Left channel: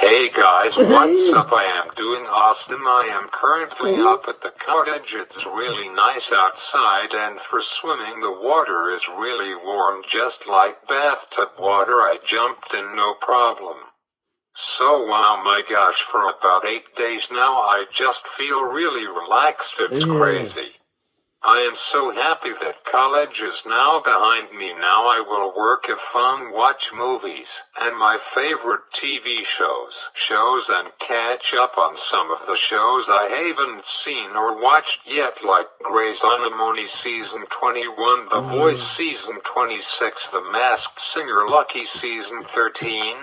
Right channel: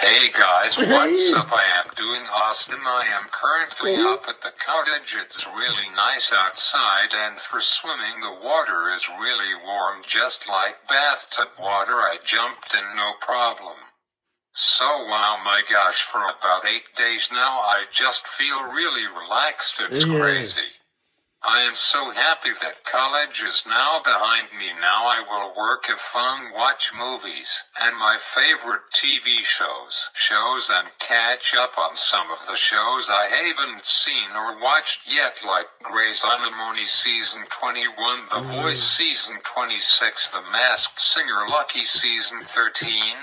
Hey guys, what's up? I am doing awesome. I am currently up at the cottage. It's really nice outside, and for swimming the water is really warm, just like bathtub water. I jumped in no problem. So oh my gosh, for about 8 days now I just feel really relaxed. It's crazy. I am so happy that college is now behind me. Now I will work, have fun, watch movies, and my favorite TV shows and catch up on some of the shows I haven't seen or watched yet, like Grey's Anatomy Season 21, The Voice Season 26, The Masked Singer Lucky Season 13,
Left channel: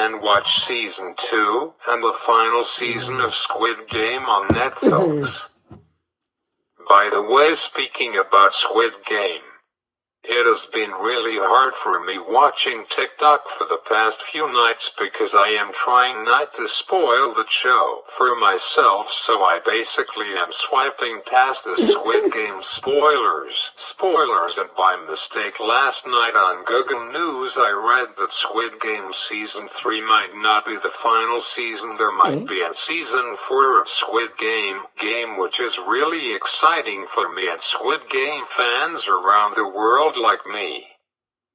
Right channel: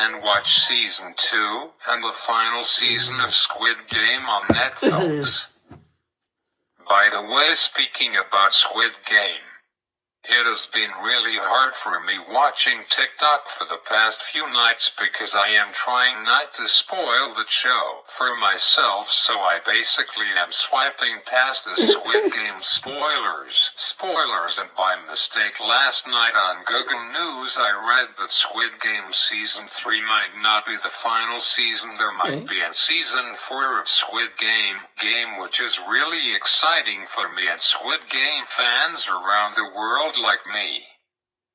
and watch Season 2, and the final season of Squid Game on Netflix. By the way, speaking about Squid Game, it has been really hard for me watching TikTok for the past few nights because I am trying not to spoil the show for myself, so I basically am swiping past the Squid Game spoilers, and by mistake last night on Google News I read that Squid Game Season 3 might not be the final season. There might be a Season 4 of Squid Game, which is really exciting for me and Squid Game fans around the world like me.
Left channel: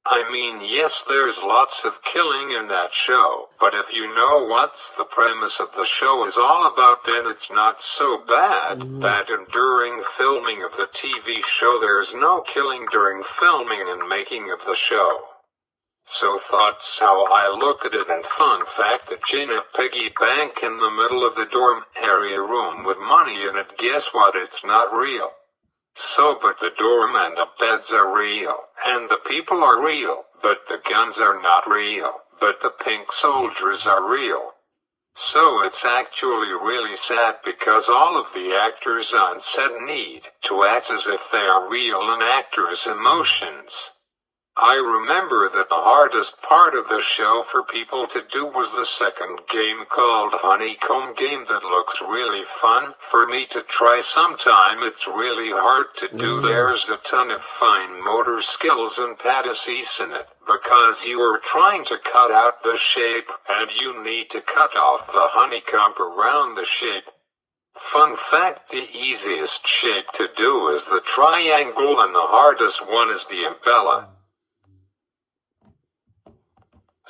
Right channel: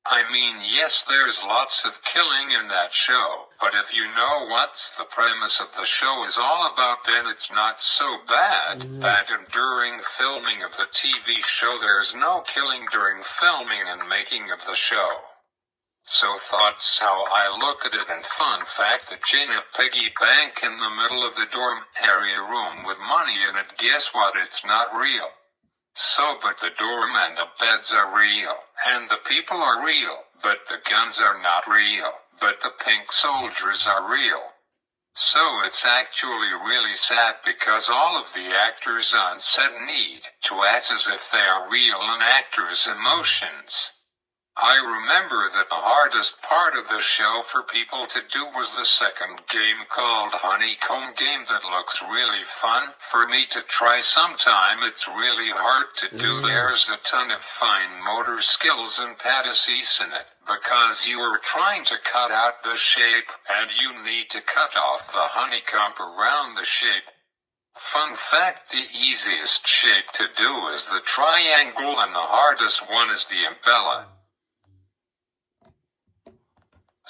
I mean, yes, there's lots of killing in that show, but if you know what's the premise of the show is all about, then it's not so bad. And during filming of the TV show there's no killing during filming and making of the show. So that's how I look at it. And fun fact, that Gina piggy bank in the middle of the dorm area room with money in it, guess what, it's not real. So, but the dorm and the beds are real, and the people are real, but the guns are not real, but the pink soldiers are real. So it's actually really sad because all of the actors on set need to act as if they are real and actors' emotions. I remember that the hardest part of the show for people to do was the second game called Honeycomb Game that looks really fun for me to try sometime. It's really hard to do. There's a ton of fine motor skills and fantasies in it because you are trying to cut out the shape and you need to cut off the honeycomb around the shape. Fun fact, the easiest shape to do is the triangle and the hardest one is the umbrella.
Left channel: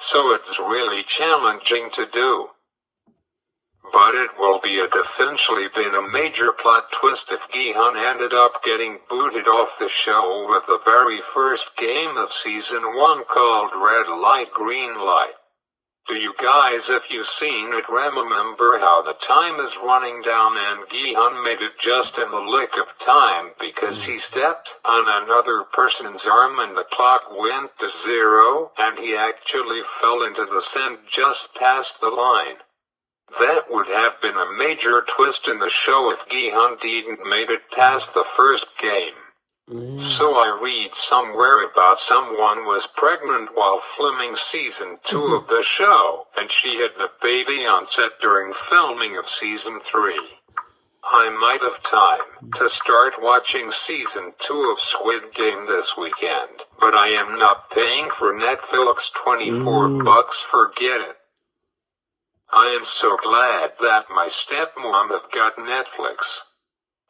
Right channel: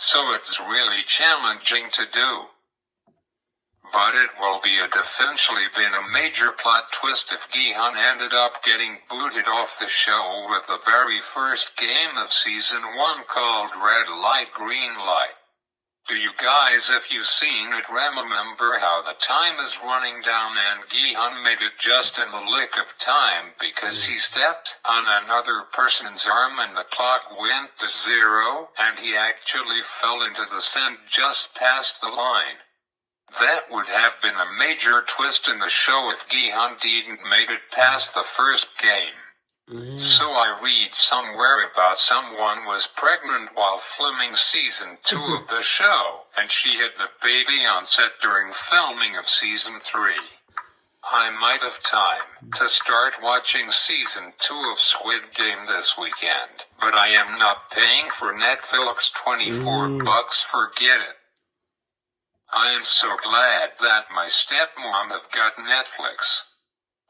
So it's really challenging to do. But it will be eventually been a major plot twist if Gi-hun ended up getting booted off the show with the very first game of Season 1 called Red Light, Green Light. Do you guys, if you've seen it, remember how the time is running down and Gi-hun made it just in the lick of time because he stepped on another person's arm and the clock went to 0 and he actually fell into the sand just past the line. That would have been a major twist in the show if Gi-hun didn't made it past the first game. So I read somewhere about someone was pregnant while filming Season 2 of the show, and she had the baby on set during filming of Season 3. I might have time to start watching Season 2 of Squid Game this weekend, but I am not paying for Netflix $24, forget it. I am so glad that my stepmom have got Netflix.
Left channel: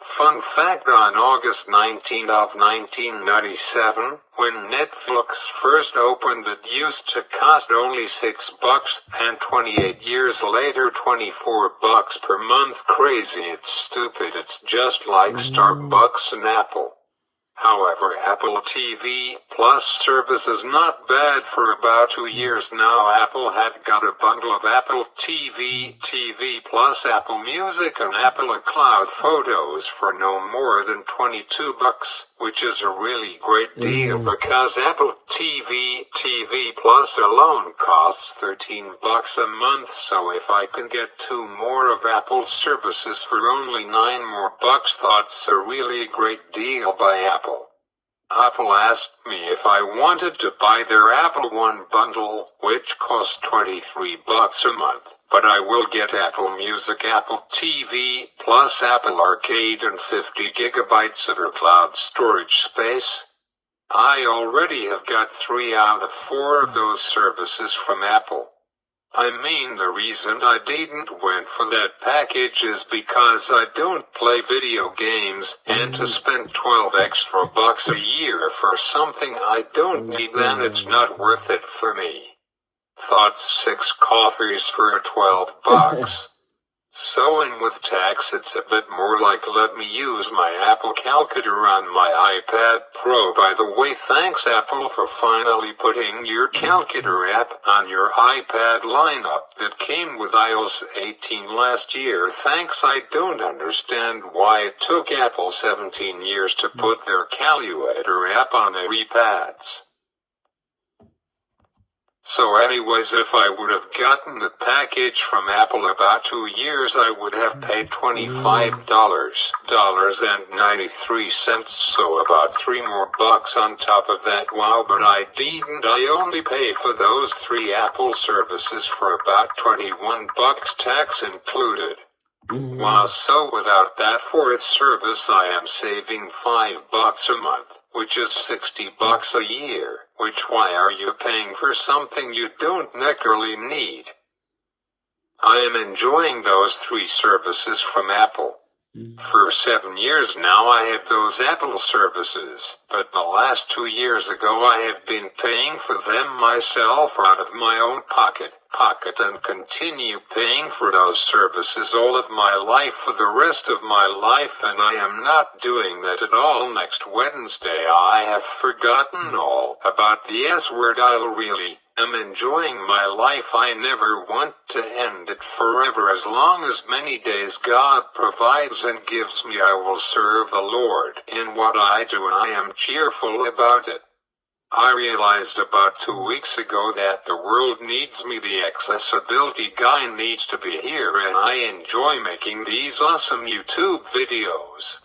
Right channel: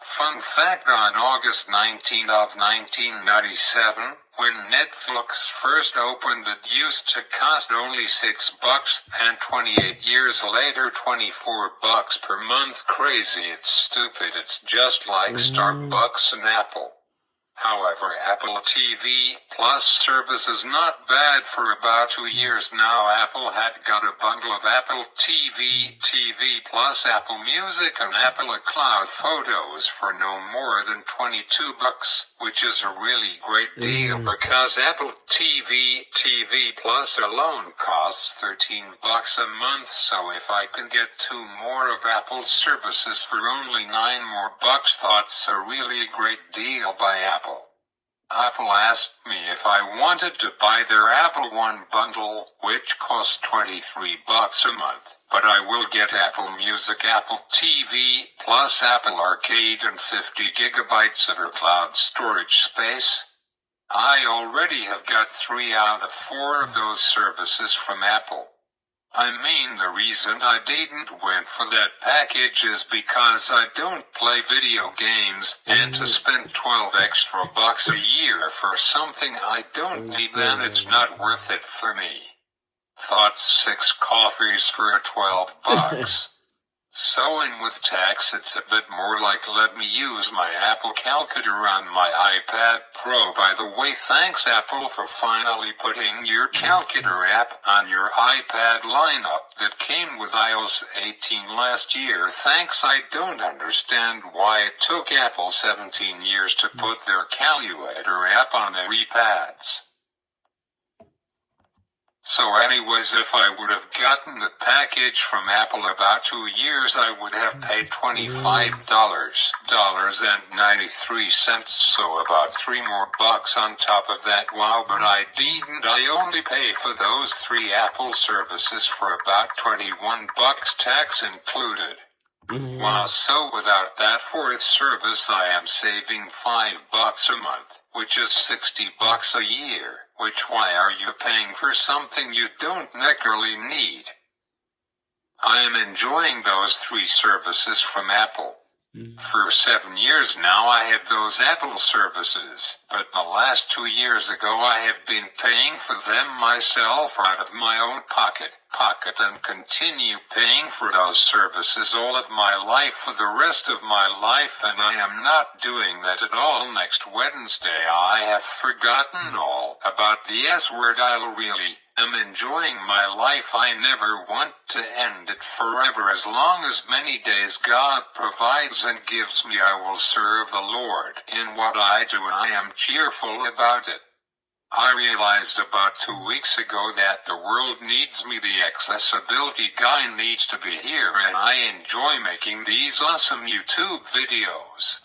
Fun fact, on August 19 of 1997, when Netflix first opened, it used to cost only $6, and 28 years later $24 per month. Crazy, it's stupid, it's just like Starbucks and Apple. However, Apple TV Plus service is not bad. For about 2 years now Apple had got a bundle of Apple TV Plus, Apple Music and Apple Cloud Photos for no more than $22, which is a really great deal because Apple TV Plus alone costs $13 a month. So if I can get 2 more of Apple's services for only $9 more, that's a really great deal by Apple. Apple asked me if I wanted to buy their Apple One bundle, which costs $23 a month, but I will get Apple Music, Apple TV, plus Apple Arcade and 50 gigabytes of cloud storage space. I already have got 3 out of 4 of those services from Apple. I mean, the reason I didn't went for that package is because I don't play video games, and to spend 12 extra bucks a year for something I don't need, then it's not worth it for me. Thoughts 6 coffees for 12 bucks. So in with tax it's a bit more like let me use my Apple calculator on my iPad Pro. By the way, thanks Apple for finally putting your calculator app on your iPad lineup that came with iOS 18 last year. Thanks. I don't understand why it took Apple 17 years to put their calculator app on their iPads. So anyways, if I would have gotten the package from Apple about 2 years, I would have paid $25.93, so about 3 more bucks on top of that. Wow, but I didn't. I only paid for those 3 Apple services for about 21 bucks, tax included. Wow, so without that 4th service I am saving 5 bucks a month, which is 60 bucks a year. Which why are you paying for something you don't necessarily need? I am enjoying those 3 services from Apple. For 7 years now I have those Apple services, but the last 2 years ago I have been paying for them myself out of my own pocket, and continue paying for those services all of my life for the rest of my life, and I am not doing that at all. Next Wednesday I have forgotten all about the S word. I really am enjoying my life. I never want to end it forever. As long as many days God provides and gives me, I will serve the Lord in what I do, and I am cheerful about it. I realized about 2 weeks ago that the world needs me. The accessibility guy needs to be here, and I enjoy making these awesome YouTube videos,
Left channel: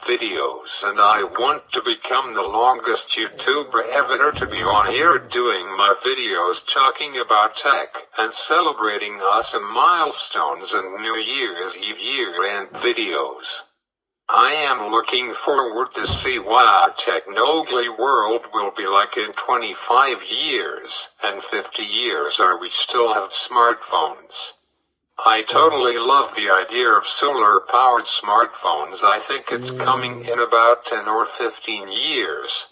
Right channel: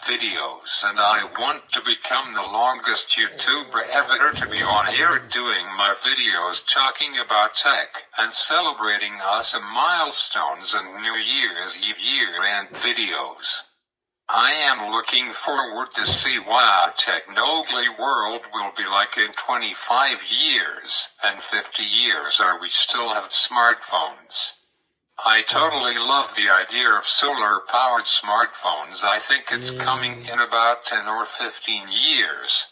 and I want to become the longest YouTuber ever to be on here doing my videos talking about tech and celebrating awesome milestones and New Year's Eve year-end videos. I am looking forward to see what technology world will be like in 25 years and 50 years. Are we still have smartphones? I totally love the idea of solar-powered smartphones. I think it's coming in about 10 or 15 years,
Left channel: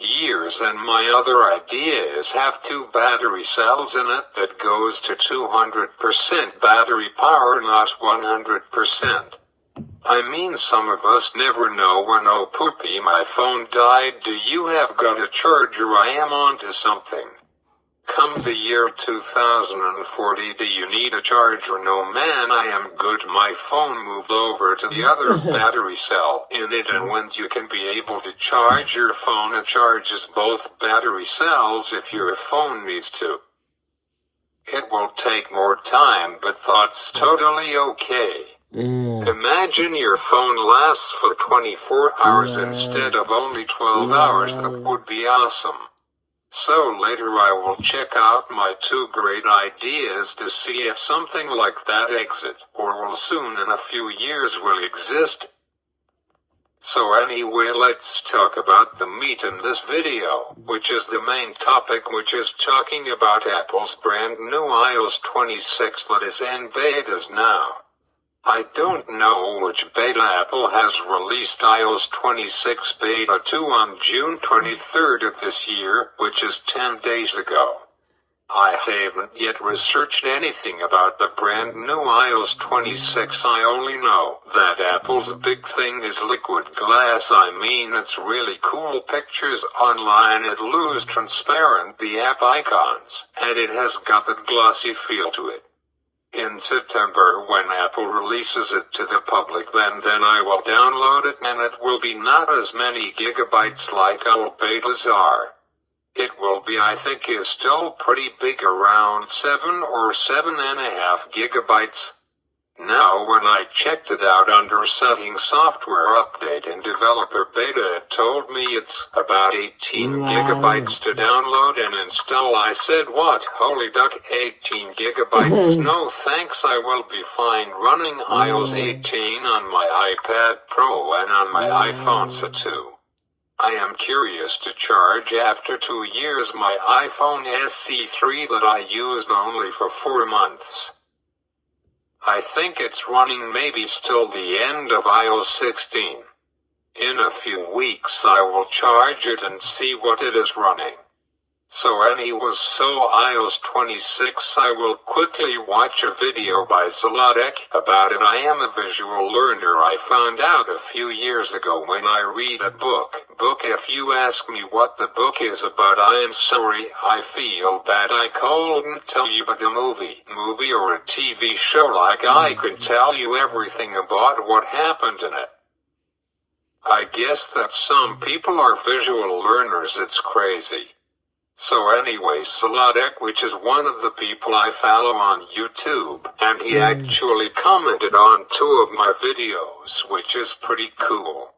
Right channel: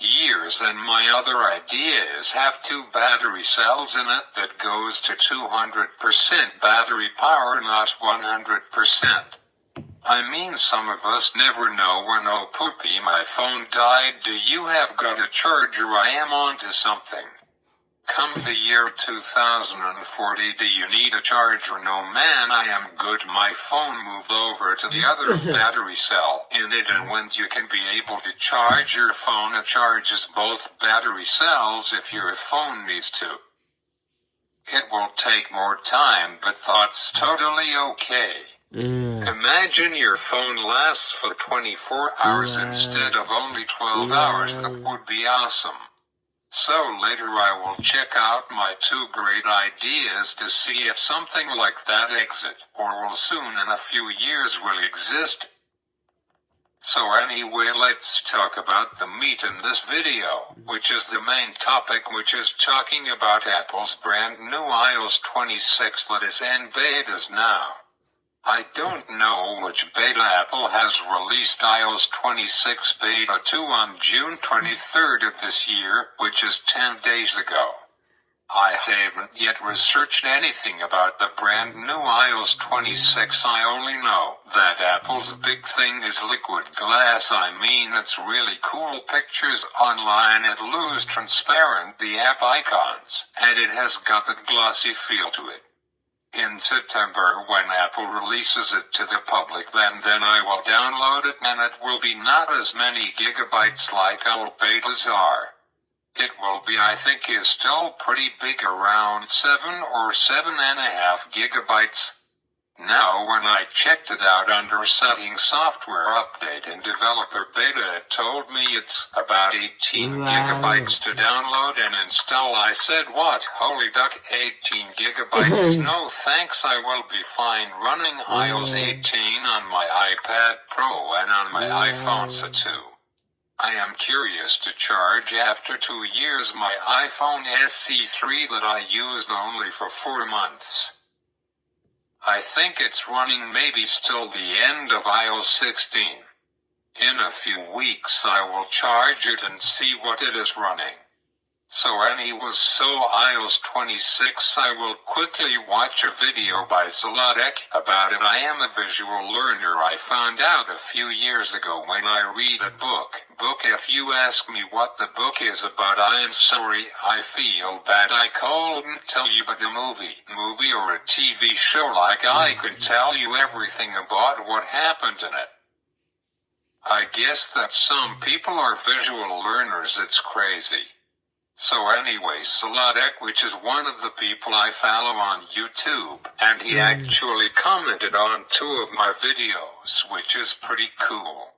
and my other idea is have 2 battery cells in it that goes to 200% battery power, not 100%. I mean, some of us never know when, oh poopy, my phone died. Do you have got a charger? I am onto something. Come the year 2040, do you need a charger? No man, I am good. My phone moved over to the other battery cell in it, and when you can be able to charge your phone, it charges both battery cells if your phone needs to. It will take more time, but that's totally okay. Imagine your phone lasts for 24 hours instead of only 12 hours. That would be awesome. So later I will check out my 2 great ideas to see if something like that exit, or will soon in a few years will exist. So anyway, let's talk about the meat in this video, which is the main topic, which is talking about Apple's brand new iOS 26 that is in betas now. I don't know which beta. Apple has released iOS 26 Beta 2 on June 23rd of this year, which is 10 days ago. I haven't yet researched anything about the brand new iOS 26. I only know that Apple's big thing is liquid glass. I mean, it's really cool pictures online. It looks transparent, the app icons, and it has got that glossy feel to it. In September, when Apple releases it to the public, then I will download it, and it will be not as many gigabytes like old betas are. It will be, I think, is still pretty big, around 7 or 7.5 gigabytes. Now, when I checked it out under Settings, Software Update and Developer Beta, it told me it's about 18 gigabytes to download and install. I said, what? Holy duck, 18 gigabytes? No thanks, I will be fine running iOS 18 on my iPad Pro and on my iPhone too. I am curious to charge after 2 years my iPhone SE3 that I used only for 4 months. I think it's running maybe still the end of iOS 16. In a few weeks I will charge it and see what it is running. So anyways, so iOS 26 I will quickly watch a video by Zollotech about it. I am a visual learner. I found out a few years ago when I read a book. If you ask me what the book is about, I am sorry, I feel bad I couldn't tell you, but a movie or a TV show like I could tell you everything about what happened in it. I guess that some people are visual learners, it's crazy. So anyway, Zollotech, which is one of the people I follow on YouTube, and he actually commented on 2 of my videos, which is pretty cool.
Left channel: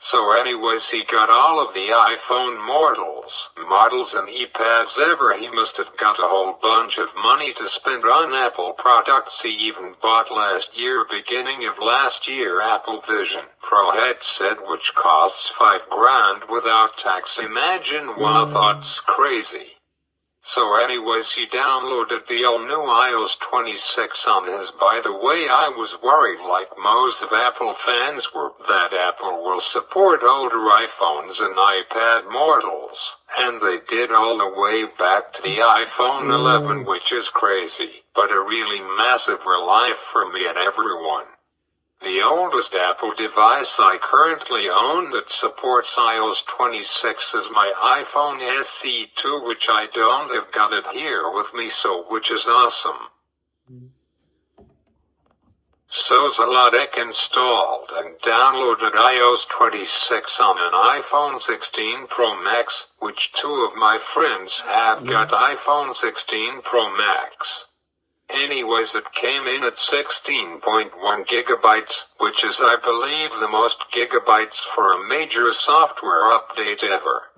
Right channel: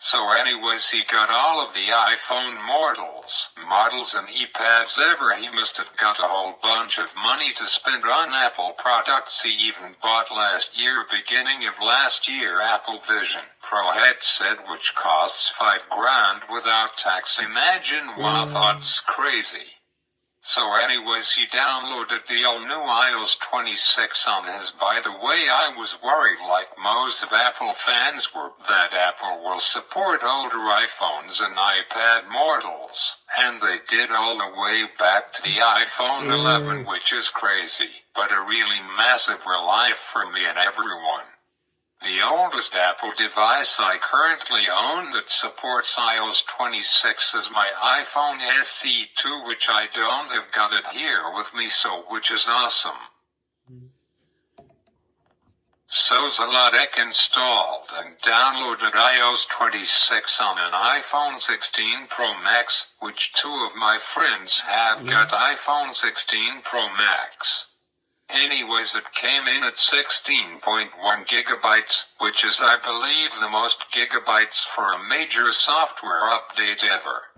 So anyways, he got all of the iPhone models and iPads ever. He must have got a whole bunch of money to spend on Apple products. He even bought last year, beginning of last year, Apple Vision Pro headset, which costs $5,000 without tax. Imagine, wow, that's crazy. So anyways, he downloaded the all new iOS 26 on his. By the way, I was worried, like most of Apple fans were, that Apple will support older iPhones and iPad models. And they did all the way back to the iPhone 11, which is crazy, but a really massive relief for me and everyone. The oldest Apple device I currently own that supports iOS 26 is my iPhone SE 2, which I don't have got it here with me, which is awesome. So Zollotech installed and downloaded iOS 26 on an iPhone 16 Pro Max, which 2 of my friends have got iPhone 16 Pro Max. Anyways, it came in at 16.1 gigabytes, which is, I believe, the most gigabytes for a major software update ever.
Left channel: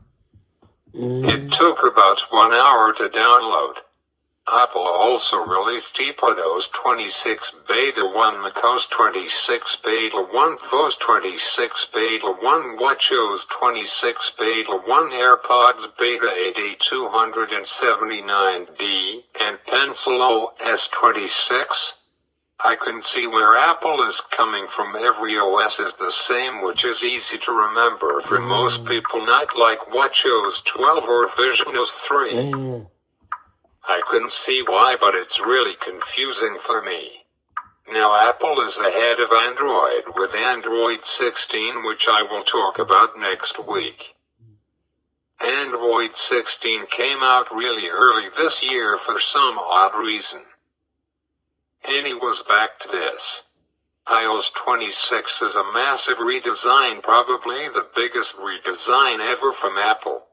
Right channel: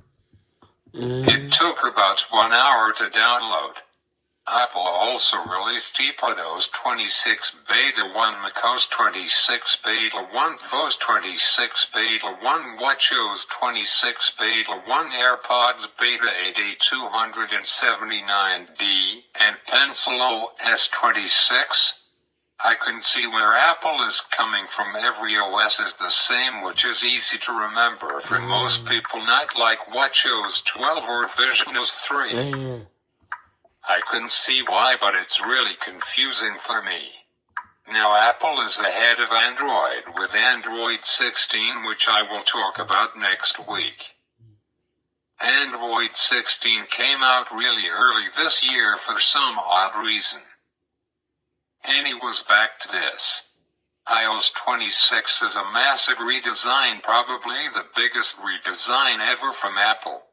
It took about 1 hour to download. Apple also released iPadOS 26 Beta 1, macOS 26 Beta 1, tvOS 26 Beta 1, WatchOS 26 Beta 1, AirPods Beta 8279D, and Pencil OS 26. I can see where Apple is coming from. Every OS is the same, which is easy to remember for most people, not like WatchOS 12 or VisionOS 3. I couldn't see why, but it's really confusing for me. Now Apple is ahead of Android with Android 16, which I will talk about next week. Android 16 came out really early this year for some odd reason. Anyways, back to this. iOS 26 is a massive redesign, probably the biggest redesign ever from Apple.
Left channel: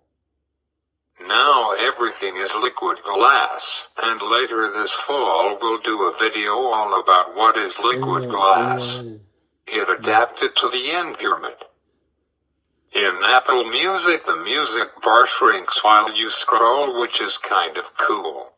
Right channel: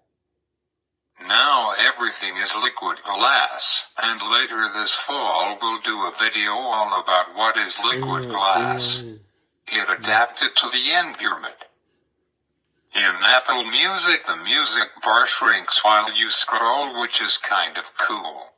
Now everything is liquid glass, and later this fall we'll do a video all about what is liquid glass. It adapted to the environment. In Apple Music, the music bar shrinks while you scroll, which is kind of cool.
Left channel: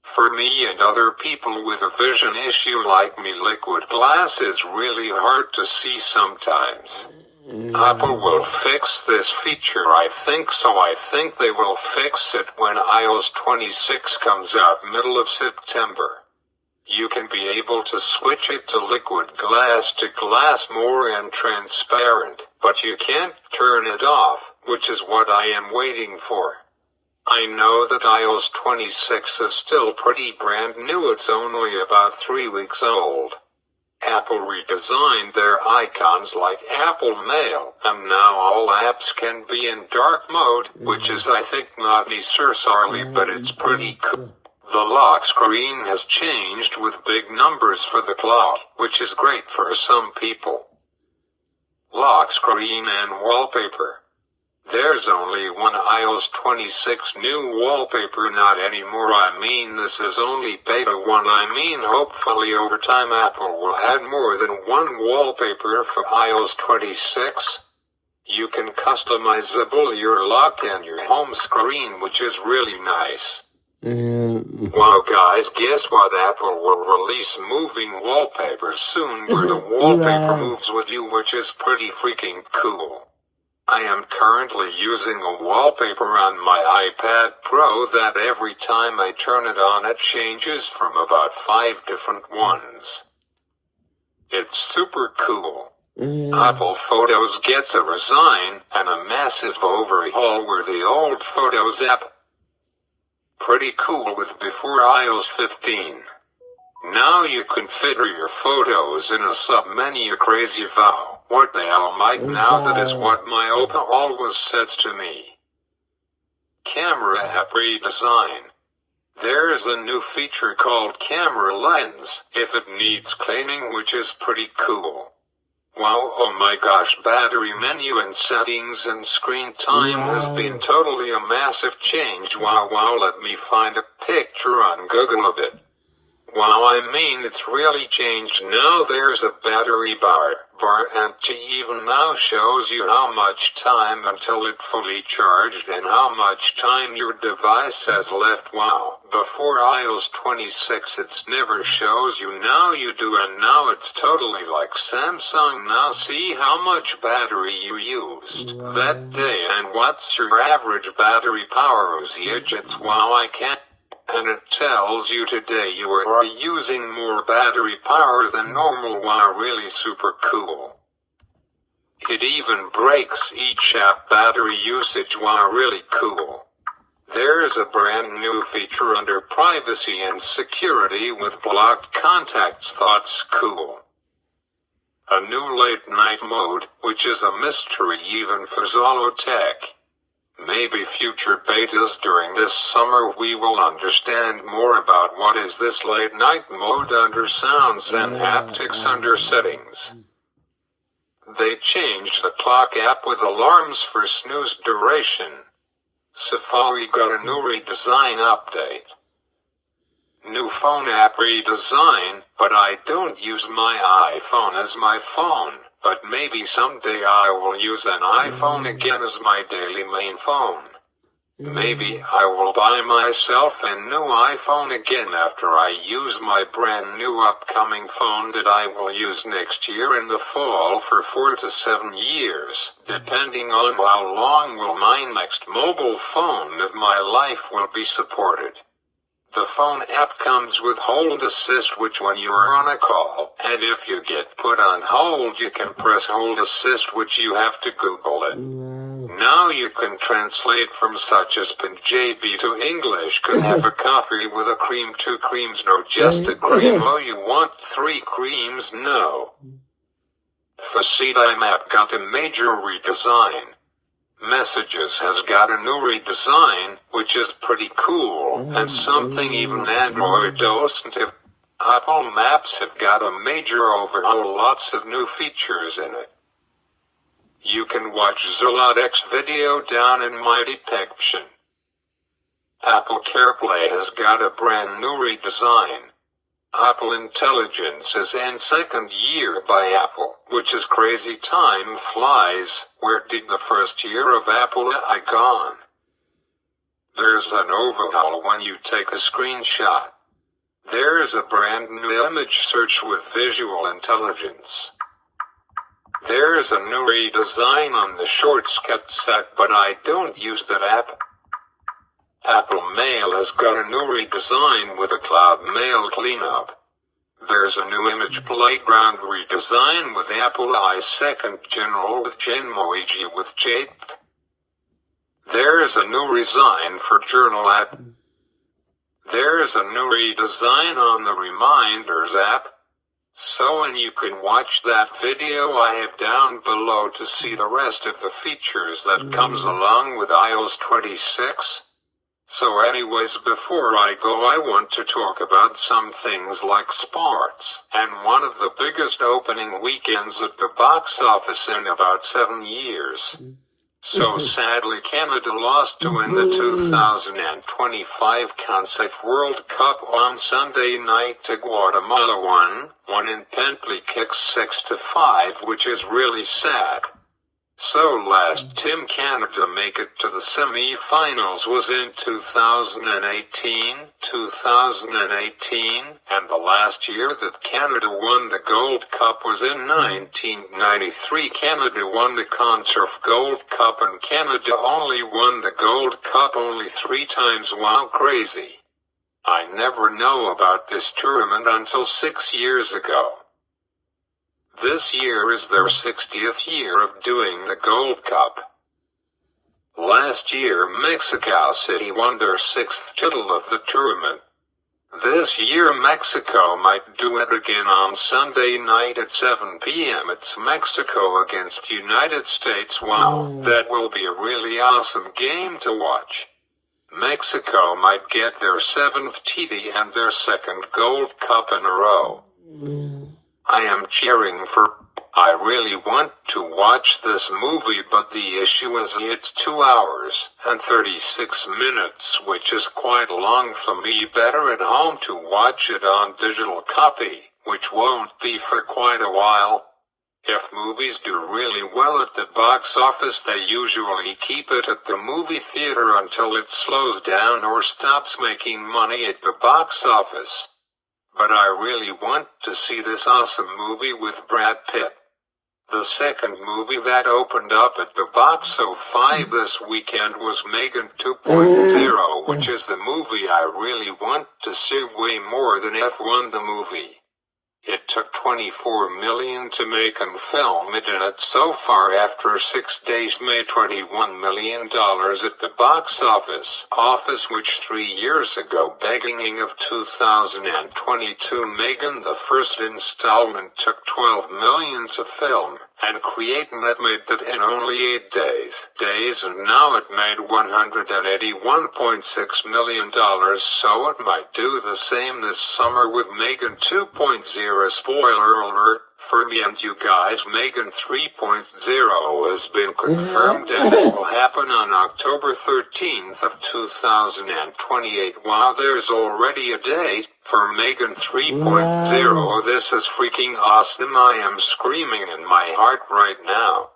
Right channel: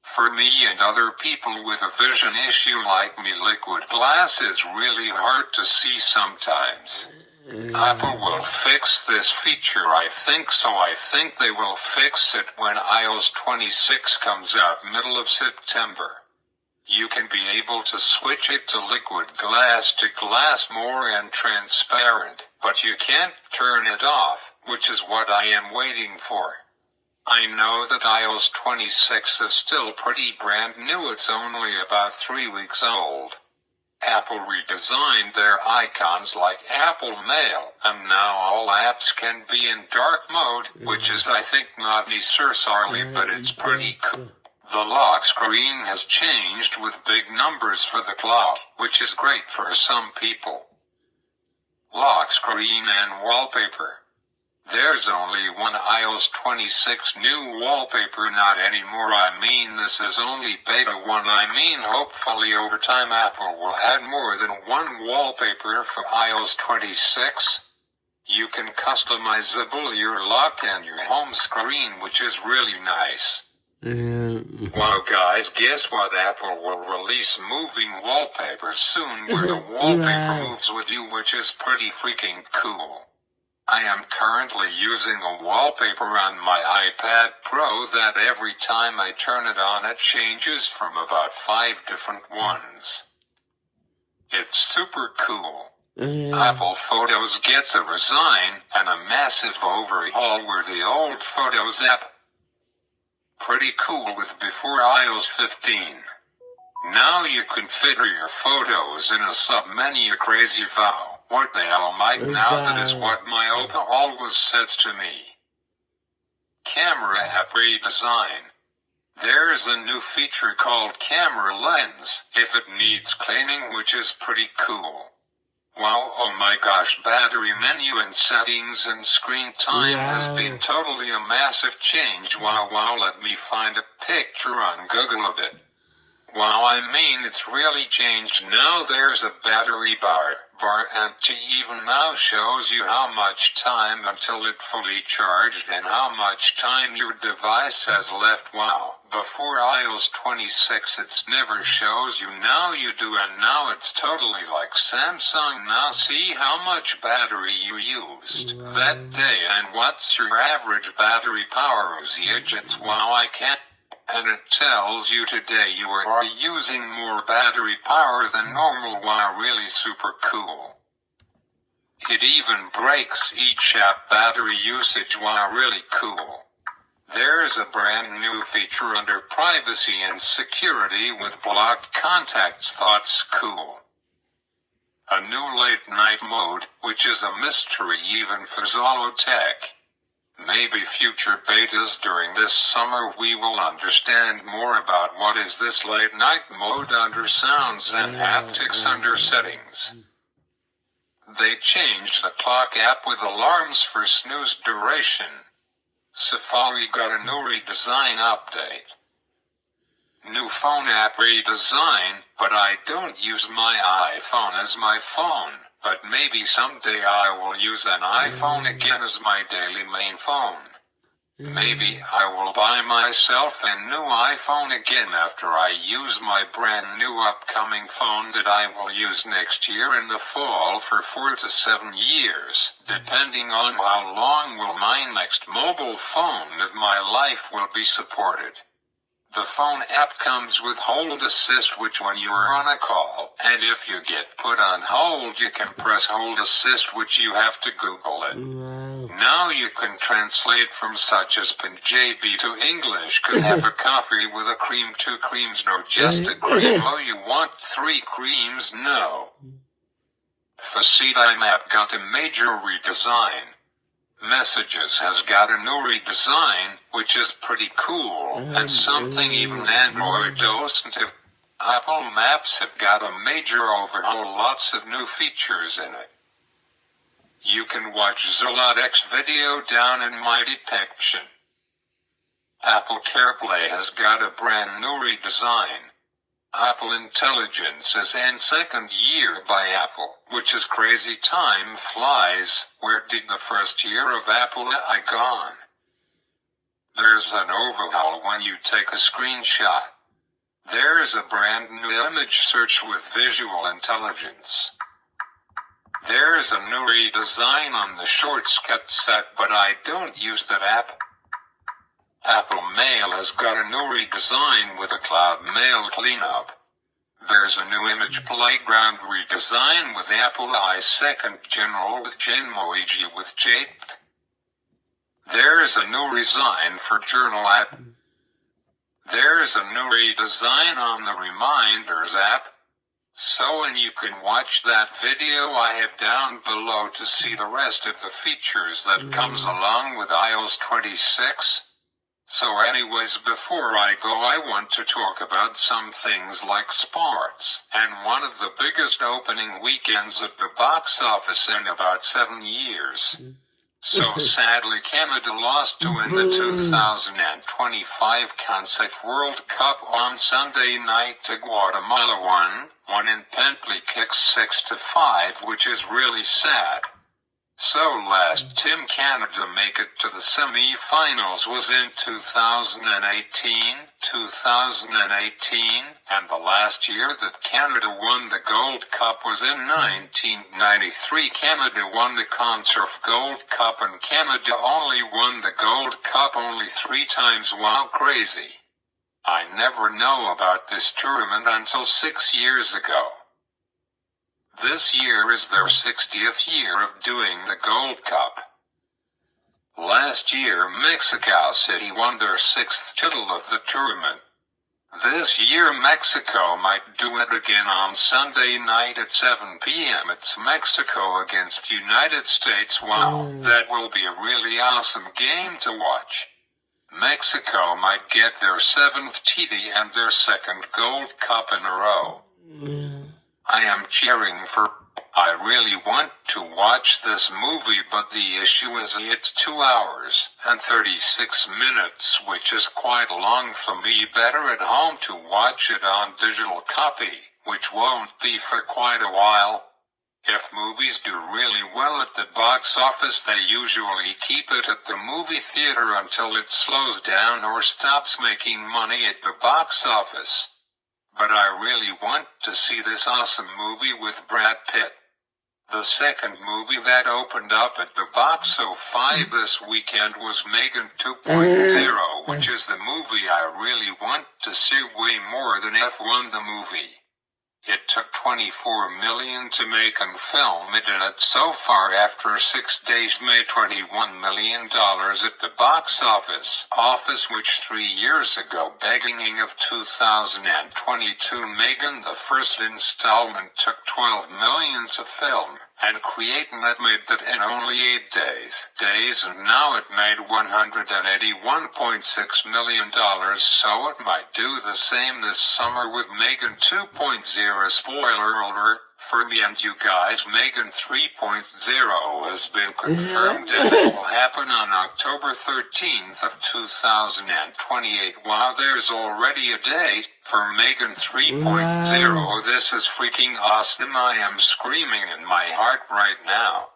For me and other people with a vision issue like me, liquid glass is really hard to see sometimes. Apple will fix this feature, I think, so I think they will fix it when iOS 26 comes out middle of September. You can be able to switch it to liquid glass to glass more and transparent, but you can't turn it off, which is what I am waiting for. I know that iOS 26 is still pretty brand new, it's only about 3 weeks old. Apple redesigned their icons like Apple Mail, and now all apps can be in dark mode, which is, I think, not necessarily, but it's pretty cool. The lock screen has changed with big numbers for the clock, which is great for some people. Lock screen and wallpaper. There's only one iOS 26 new wallpaper, not anymore. I mean, this is only beta 1. I mean, hopefully over time Apple will add more than one wallpaper for iOS 26. You can customizable your lock and your home screen, which is really nice. Well guys, guess what? Apple will release moving wallpapers soon, where the wallpaper moves with you, which is pretty freaking cool. I am currently using a wallpaper on my iPad Pro that every time I turn it on it changes from about 5 different ones. It's super cool. Apple Photos gets a redesign and a massive overhaul with the old Photos app. Pretty cool with before iOS 15. Now you configure your photos in a sub-menu. Crazy vow. What the hell, Mike? Now that is what my Oppo always says to me. Camera app redesign. There's a new feature called camera lens if it needs cleaning, which is pretty cool. Wow, oh my gosh, battery menu and settings and screen time has been totally a massive change. Wow, let me find a picture on Google of it. Wow, I mean it's really changed. Now there's a battery bar and it even now shows you how much time until it fully charged and how much time your device has left. Wow, before iOS 26 it never shows you, now you do, and now it's totally like Samsung. Now see how much battery you used that day and what's your average battery power usage. It's wow, I can't. And it tells you today you are using more battery power than normal. Wow, really super cool. It even breaks each app battery usage. Wow, really cool. There's a brand new feature under privacy and security with blocked contacts. That's cool. A new late night mode, which is a mystery even for Zollotech. Maybe future betas during this summer we will understand more about what is this late night mode under sounds and haptics under settings. They changed the clock app with alarms for snooze duration. Safari got a new redesign update. New phone app redesign, but I don't use my iPhone as my phone. But maybe someday I will use an iPhone again as my daily main phone. Maybe I will buy myself a new iPhone again after I use my brand new upcoming phone that I will use next year in the fall for 4 to 7 years, depending on how long will my next mobile phone of my life will be supported. The phone app comes with hold assist, which when you are on a call, and if you get put on hold you can press hold assist, which you have to Google it. Now you can translate from such as Punjabi to English. Could have a coffee with a cream, 2 creams, no, just a cream. Oh, you want 3 creams? No. FaceTime app got a major redesign. Messages has got a new redesign, which is pretty cool, and something even Android doesn't have. Apple Maps have got a major overhaul, lots of new features in it. You can watch Zollotech's video down in my description. Apple CarPlay has got a brand new redesign. Apple Intelligence is in second year by Apple, which is crazy. Time flies. Where did the first year of Apple gone? There's an overhaul when you take a screenshot. There's a brand new image search with visual intelligence. There's a new redesign on the Shortcuts app, but I don't use that app. Apple Mail has got a new redesign with a cloud mail cleanup. There's a new image playground redesign with Apple i2 General with Genmoji with Jake. There's a new redesign for Journal app. There's a new redesign on the Reminders app. So, and you can watch that video I have down below to see the rest of the features that comes along with iOS 26. So anyways, before I go I want to talk about some things like sports, and one of the biggest opening weekends at the box office in about 7 years. So sadly Canada lost to win the 2025 CONCERF World Cup on Sunday night to Guatemala, won in penalty kicks 6-5, which is really sad. So last Team Canada make it to the semi-finals was in 2018, and the last year that Canada won the Gold Cup was in 1993. Canada won the CONCERF Gold Cup, and Canada only won the Gold Cup only 3 times. Wow, crazy. I never know about this tournament until 6 years ago. This year is their 60th year of doing the Gold Cup. Last year Mexico City won their 6th title of the tournament. This year Mexico might do it again on Sunday night at 7 p.m. It's Mexico against United States. Wow, that will be a really awesome game to watch. Mexico might get their 7th TD and their 2nd Gold Cup in a row. I am cheering for. I really want to watch this movie, but the issue is it's 2 hours and 36 minutes, which is quite long for me. Better at home to watch it on digital copy, which won't be for quite a while. If movies do really well at the box office, they usually keep it at the movie theater until it slows down or stops making money at the box office. But I really want to see this awesome movie with Brad Pitt. The second movie that opened up at the box office this weekend was M3GAN 2.0, which is the movie I really want to see way more than F1 the movie. It took $24 million to make and film it, and it so far after 6 days made $21 million at the box office, which 3 years ago, beginning of 2022, M3GAN the first installment took $12 million to film and create, and that made that in only 8 days, and now it made $181.6 million, so it might do the same this summer with M3GAN 2.0. Spoiler alert for me and you guys, M3GAN 3.0 has been confirmed and it will happen on October 13th of 2028. Wow, there's already a date for M3GAN 3.0. This is freaking awesome. I am screaming in my heart right now.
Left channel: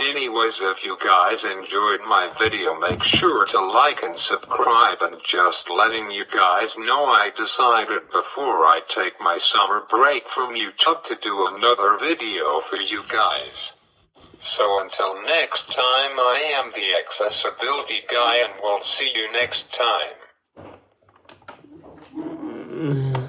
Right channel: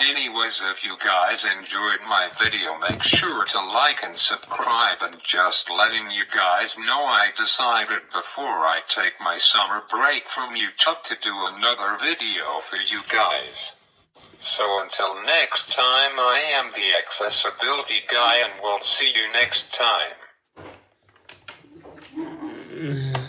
Anyways, if you guys enjoyed my video, make sure to like and subscribe, and just letting you guys know I decided before I take my summer break from YouTube to do another video for you guys. So until next time, I am the accessibility guy, and we'll see you next time.